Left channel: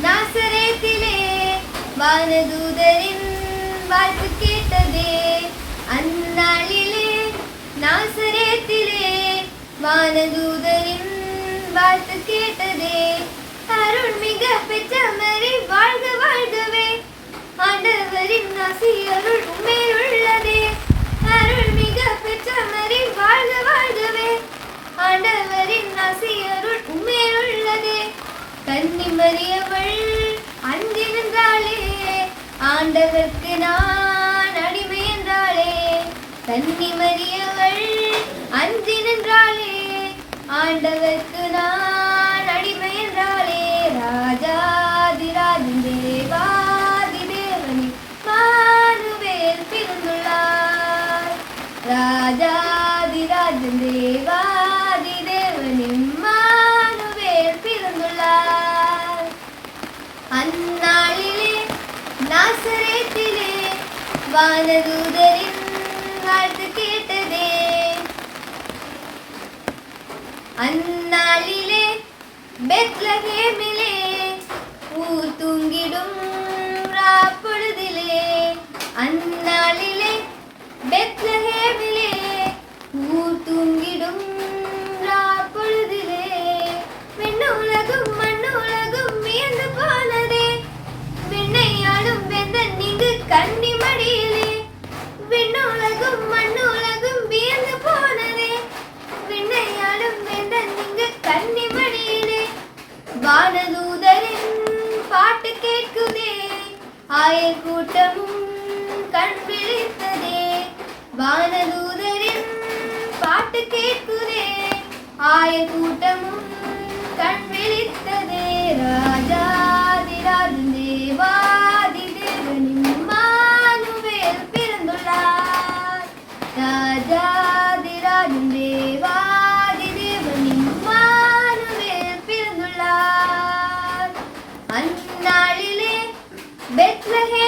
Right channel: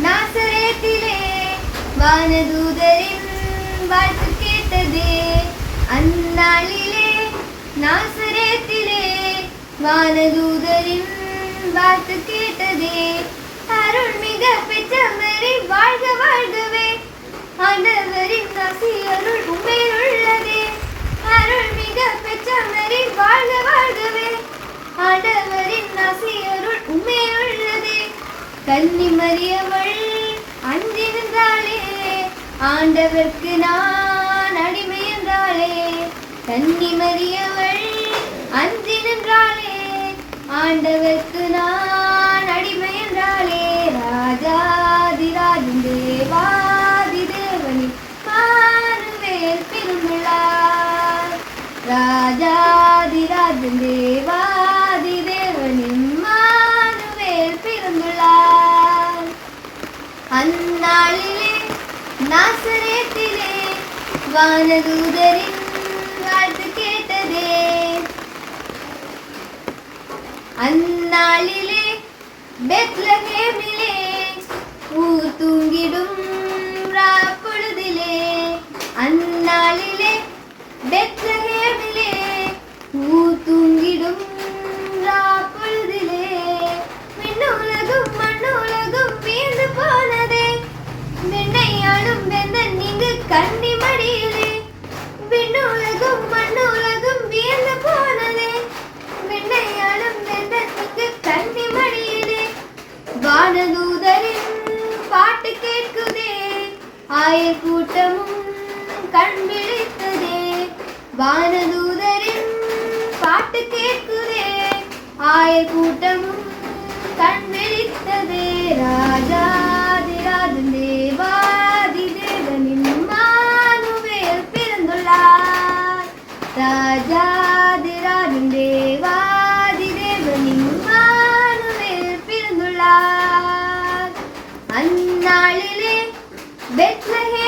நாசரேத்திலே வானதூதரின் வாழ்த்து கேட்டதே. அந்நாளிலே நாசரேத்திலே வானதூதரின் வாழ்த்து கேட்டதே. அருள் மிக பெற்ற மரி வாழ்க கன்னி மறியவள் அன்றிருந்தாளே ஆண்டவர்க்கு நான் அடிமை என்றாளே. கன்னி மரியவள் அஞ்சி ஆண்டவர்க்கு நான் அடிமை என்றாளே. ராஜாதிராஜன் தேவாதி தேவனி மானுவேல் பிறந்துள்ளார் ராஜாதிராஜன் தேவா നാസറേത്തിലെ വാനദൂതരിൻ വാഴ്ത്ത് കേട്ടതേ. അന്നാളിലെ ബെത്ലഹേമിലെ പൂത്തുങ്കിടും റാപ്പൊഴുതിലെ. അന്നാളിലെ ബെത്ലഹേമിലെ வானதூதரின் பாட்டு கேட்குதே ஆயர் கூட்டமும் கண் விழித்ததே வானதூதரின் பாட்டு கேட்குதே ஆயர் கூட்டமும் बैठ रहे